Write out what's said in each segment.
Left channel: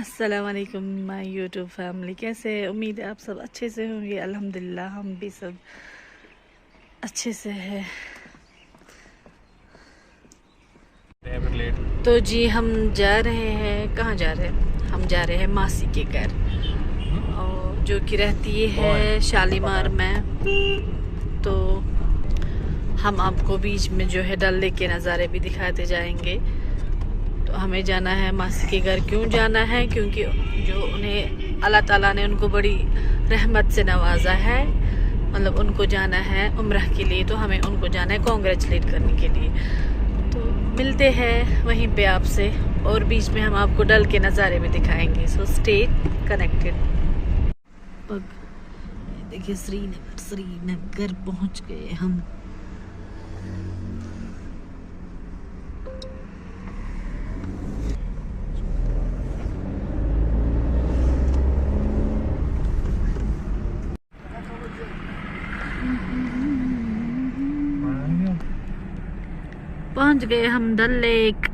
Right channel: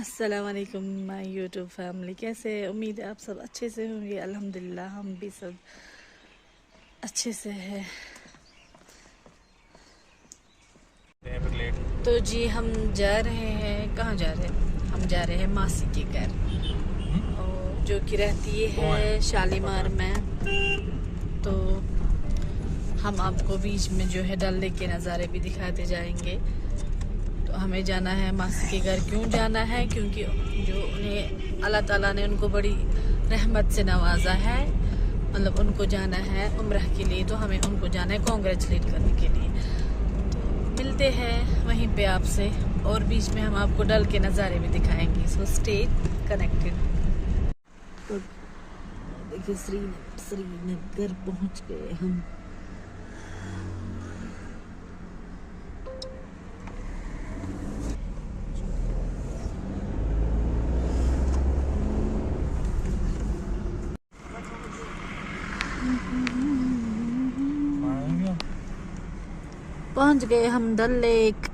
अस्सलाम वालेकुम my YouTube family, कैसे है? उम्मीद है आप सब अच्छे से होंगे। अल्हम्दुलिल्लाह हम भी सब अच्छे से हैं। तो जी हम जा रहे हैं, कहाँ जा रहे हैं? हम जा रहे हैं मासी के घर, और जो कि रहती है शालीमार में। तो हम आपको बीच में जो है डल लेक के नज़ारे भी दिखाते जाएंगे। तो हमें जाना है मासी के घर। क्यों जाना है? क्योंकि जो उन्हें अल्लाह ताला ने उनको बड़ी रहमत से नवाजा है, मतलब उनको जाना है उम्रह के लिए। तो हमें उनको जाना है कॉन्ग्रेचुलेट करने के लिए। तो मिलते हैं वहीं पे आपसे, और बीच में हम आपको डल के नज़ारे भी दिखाएंगे। So stay connected. देखिए श्रीनगर पहुंच गए हम। पहुंच गए हम डल लेक।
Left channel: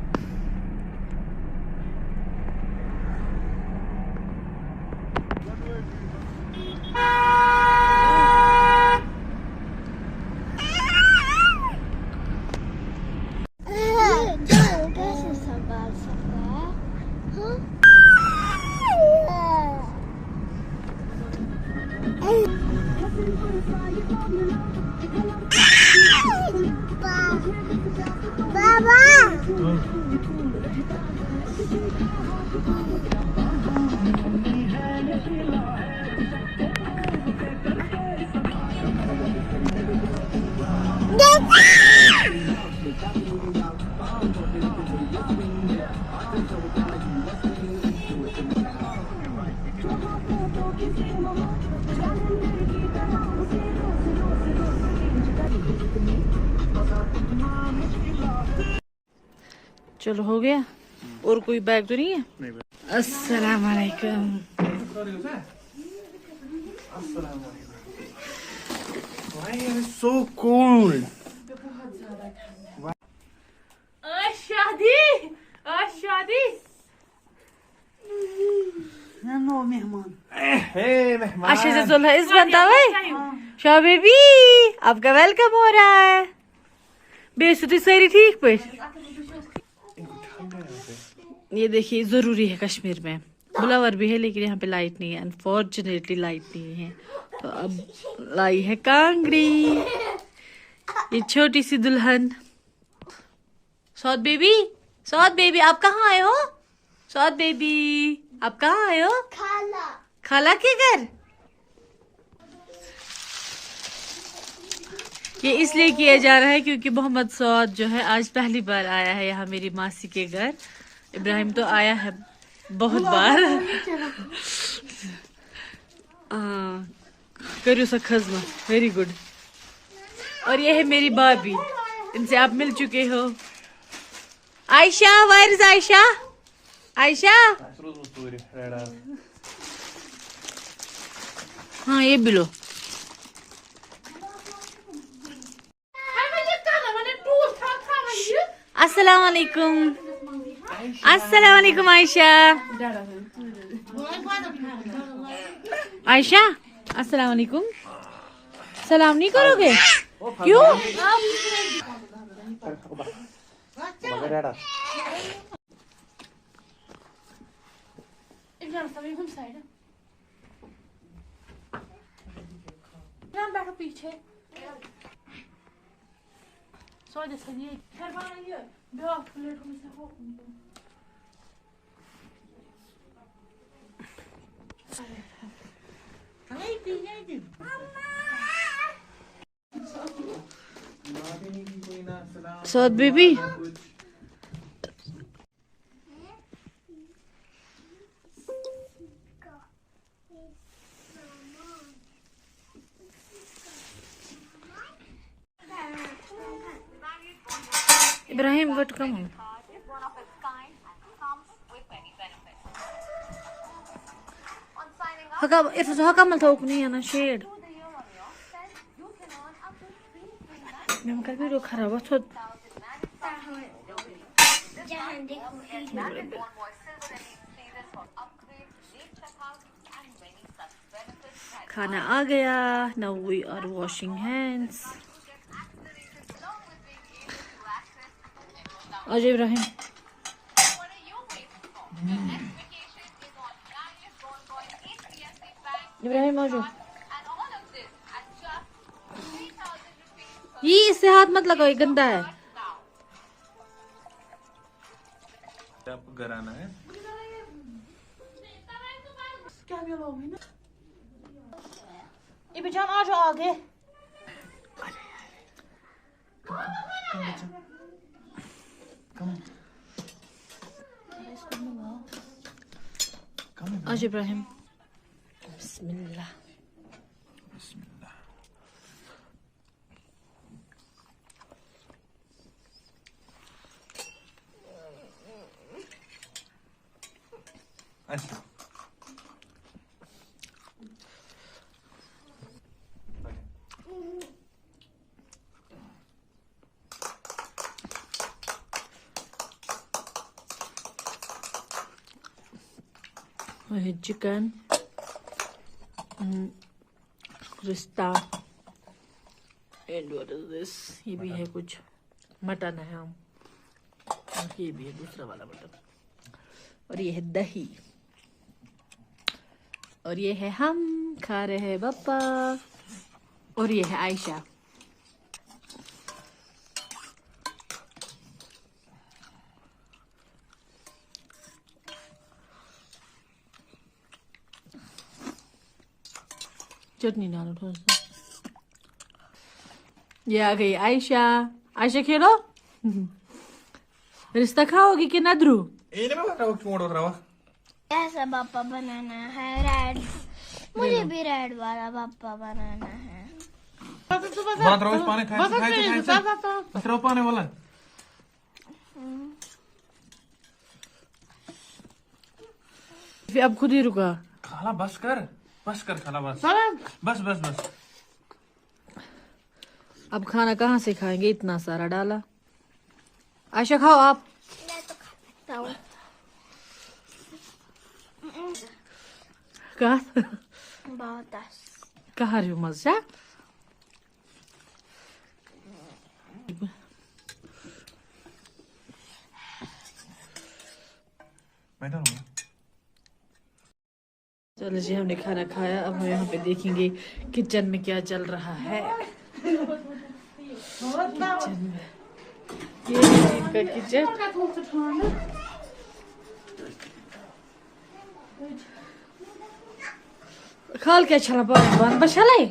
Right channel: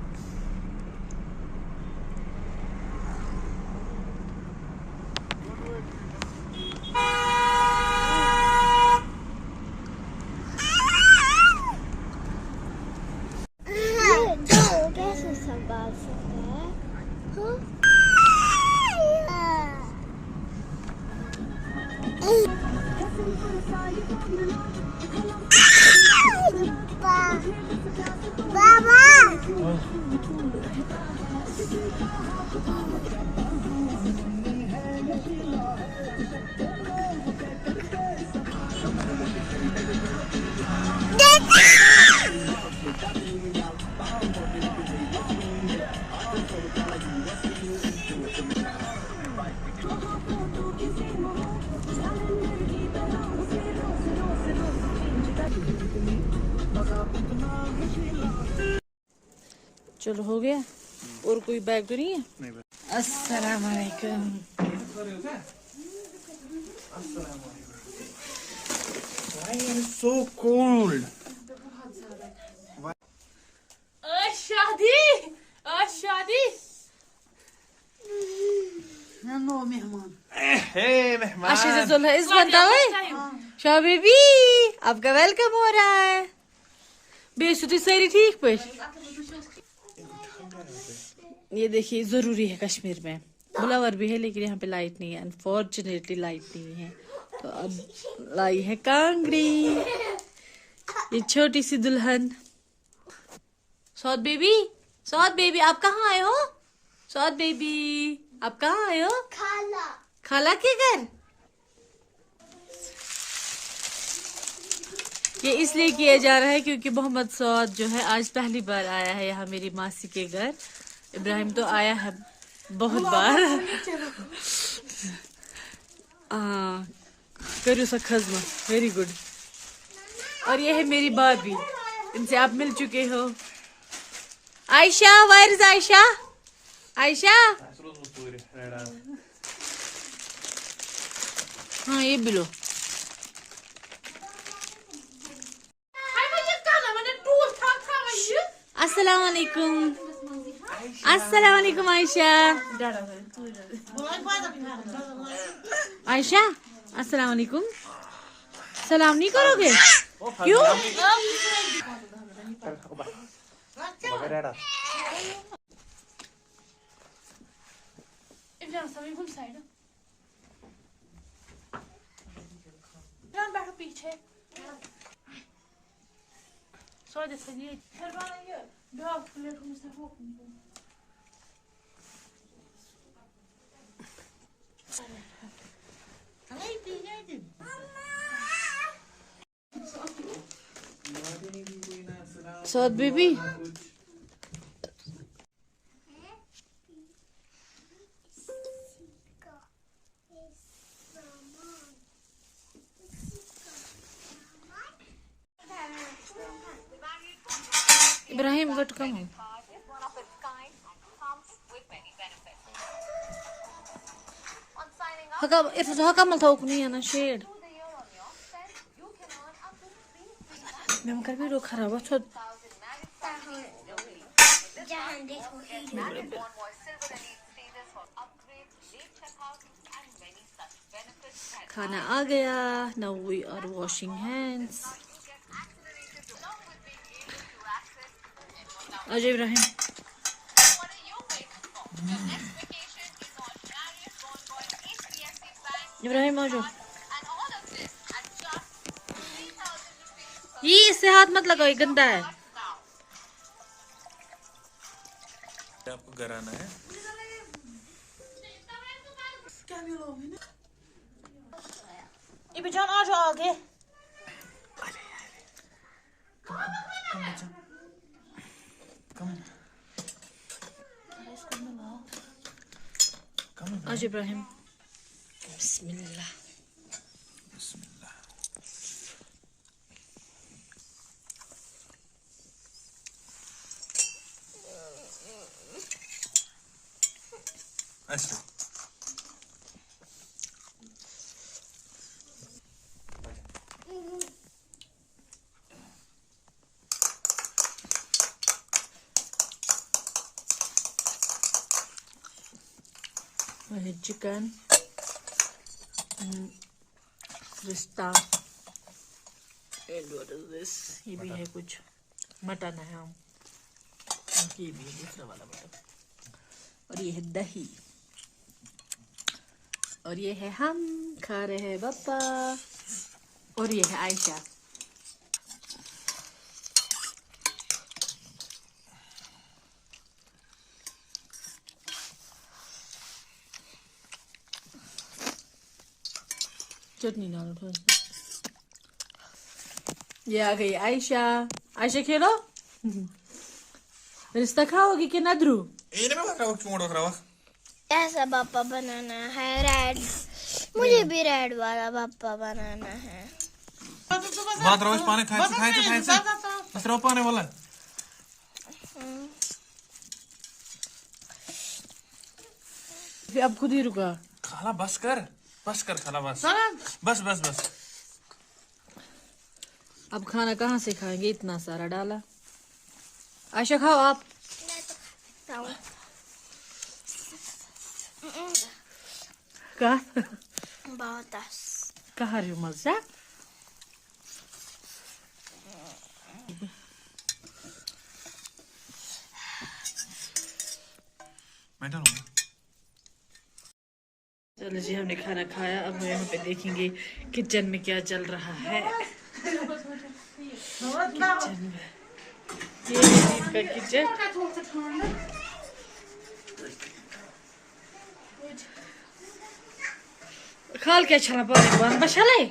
चलो हो गया। और कोई बैग तो नहीं है? अस्सलाम वालेकुम। So cold. शादी नो मेहमान। हे मेहमान। अच्छे से सुन इस बनता है शाह बेबी, आपका वेलकम हो रहा है। बेइज्जती सारी ठीक पे। ये देखिए जरूरी है कश्मीर में, बुलावर भी है लेकिन यहाँ पे लाइट नहीं है। अनफॉर्चुनेटली लाइट नहीं है। तो अब लाई है कांगड़ी, ये छोटी सी दुल्हन। सौद बेबी आप कहाँ आए हो? सौद बेबी आप कहाँ आए हो? खाला के घर। ये इसलिए किया जा रहा है क्योंकि मोहम्मद सौद जो है आज पहली बार आया है यहाँ मेरी मासी के घर। इब्राहिम तो आया है बहुत बार। करो सा खजमा, वेरी गुड। और ये है मेरी भाभी, इनसे आप मिल चुके हो। Ayesha, where is Ayesha? आयशा, हाँ ये भी लो। अस्सलाम वालेकुम। अस्सलाम वालेकुम आयशा। आयशा अस्सलाम वालेकुम। सलाम नहीं करोगे? क्यों? पीछे Saud baby Ibrahim what come on. हकामल था नहीं है ना शेड मैं कल वीडियो खराब था। खाना आ गया. Now we are washing hands. आजा इब्राहिम. इब्राहिम आजा. ये इससे हाथ मत लगाओ, ये गंदा है. आपको घर आना है. इब्राहिम जान आ जाओ आगे. आज इब्राहिम. बिस्मिल्लाह. बिस्मिल्लाह. ऐसे. चिकन, रिश्ता, एंड व्हाट इज दिस? ये भी है कुछ मटन है. हम ये भी है दूसरा वाला मटन. और ये है दही. और ये है हम खा रहे हैं पापा. और ये है आयशा. चटनी डालो थोड़ा सा. ये आ गई आयशा. आयशा खेलो. रिश्ता खाओगी कि नदरू? ऐसा पापा बनाना है. रेड, मुझे भी रेड वाला पापा बनाना है. बात रोज पानी खाए तो पानी वाला. फिर अब खुद ही रुका. खाला बस कर खाला बस. बस. अब खाना कहाँ से खाएंगे? इतना सारा डाला. आयशा खाओ आप. मैं तो खा सकता हूँ. बहुत कहा रही हो मजा? मैं डालूंगा. चलो जी, हमने खाना खाया. अब हम यहाँ पे देखेंगे किचन में क्या चल रहा है. किचन में ये है दीप का किचन. खाल क्या छला पानी बन बशले.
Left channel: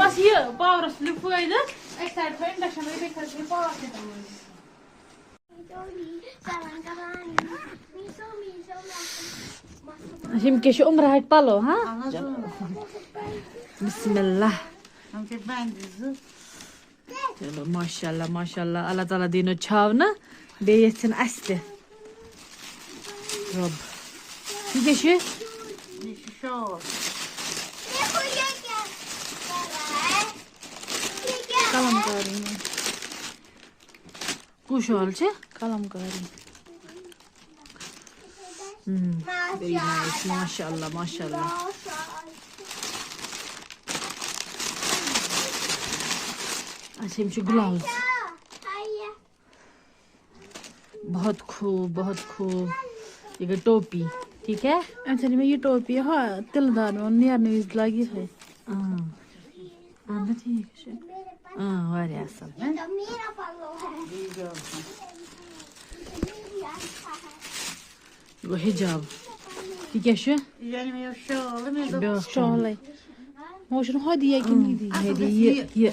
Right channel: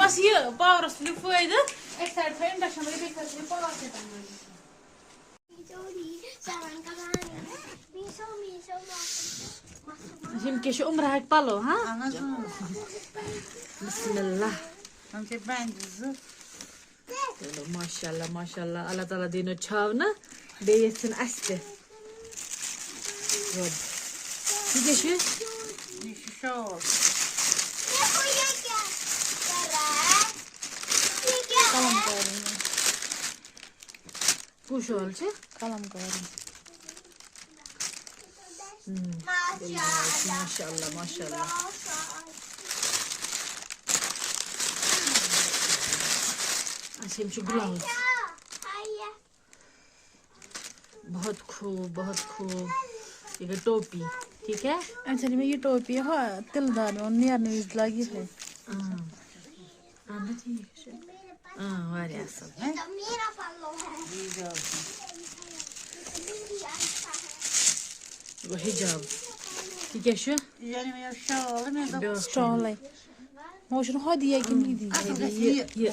बस ये पावरस फायदा. हम क्या उम्र है पलो. हाँ बिस्मिल्लाह. माशाल्लाह माशाल्लाह. अल्लाह ताला दिनो छाव ना बेयन अस्ते. रब ये क्या कलम कर रही हूँ. कुछ हाल से कलम कर रही हूँ. Very nice. माशाल्लाह माशाल्लाह. अच्छा मुझे ग्लव्स. बहुत खूब. ये टोपी ठीक है. अच्छा मैं ये टोपी हाँ तिलदार में नियर न्यूज लगी है. वारिया असल है. वो हिजाब ठीक है. शॉल है. मोशन हदिया कि ये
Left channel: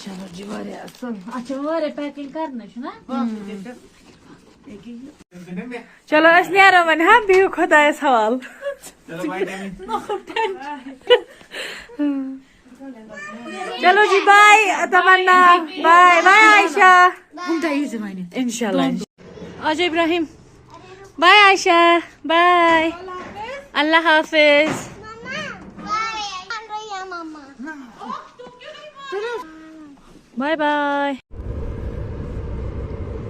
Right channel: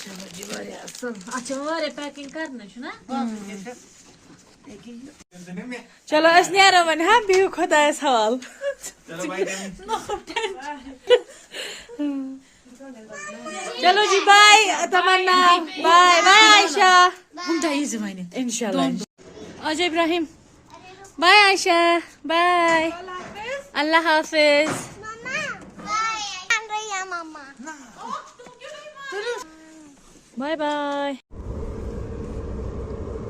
चलो जी वारे अच्छा वारे पैकिंग करना शो ना. चलो अस नेरो वन हाँ बिहु खुदायस हवाल चलो जी बाय तमन्ना बाय बाय आयशा इंशाल्लाह आज इब्राहिम बाय आयशा बाय अल्लाह हाफिज बाय बाय।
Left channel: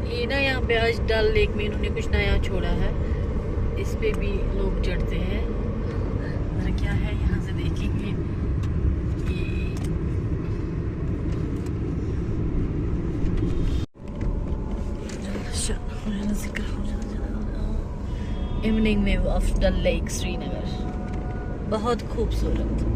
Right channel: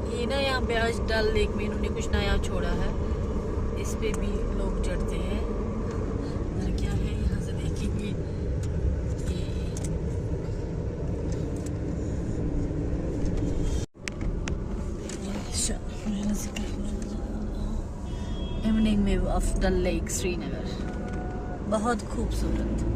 ये ना यहाँ पे आज डल लेक में इन्होंने कुछ नया छोड़ा है, इस पे भी लोग चढ़ते हैं और क्या है यहाँ से देखेंगे। Evening view of Dal lake Srinagar, बहुत खूबसूरत।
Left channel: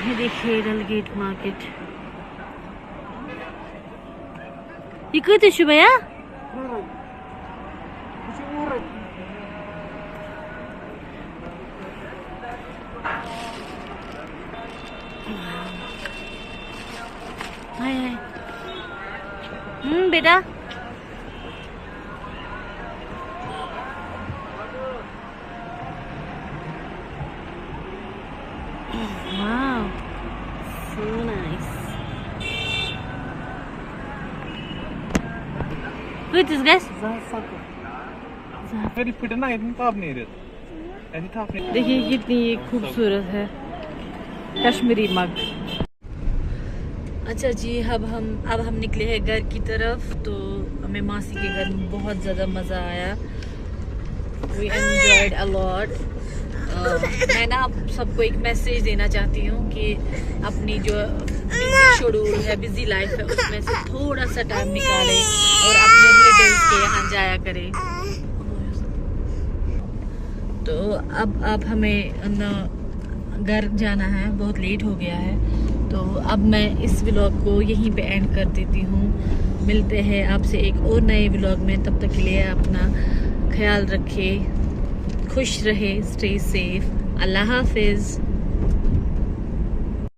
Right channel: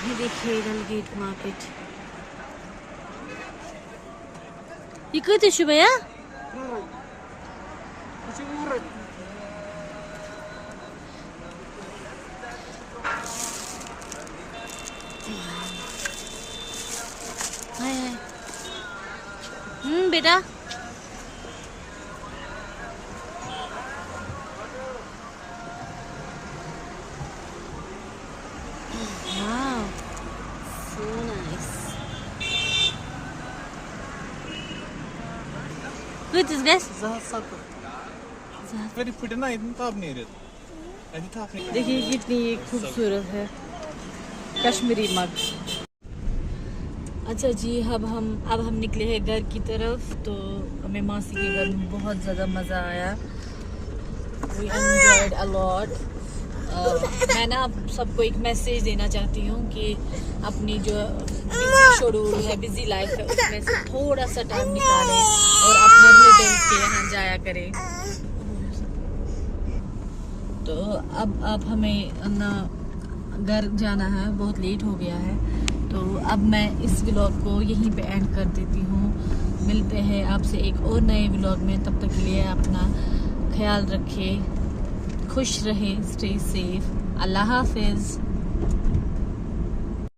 ये देखिए डल गेट मार्केट, ये कत भैया बेटा wow so nice good is guys मेरी फिट ना इतनी ताप नहीं रहती, ऐसी ताप नहीं। देखिए कितनी खूबसूरत है कश्मीरी मग। अच्छा जी अब हम निकले हैं घर की तरफ। तो हमें मासी के घर में बहुत ज़्यादा मज़ा आया, वी एंजॉयड अ लॉट। मैं ना आप सबको एक मैसेज देना चाहती हूँ कि अपनी जो बिजी शेड्यूल है, बिजी लाइफ है, उसमें से थोड़ा सा टाइम निकालें और अपने रिलेटिव्स के यहाँ जाया करें। तो अब हमें ना घर जाना है, बहुत लेट हो गया है। तो अब मैं इस व्लॉग को यहीं पे एंड कर देती हूँ। मिलते हैं आपसे एक और नए व्लॉग में, तब तक के लिए अपना ख्याल रखें, खुश रहे, स्टे सेफ, अल्लाह हाफिज़।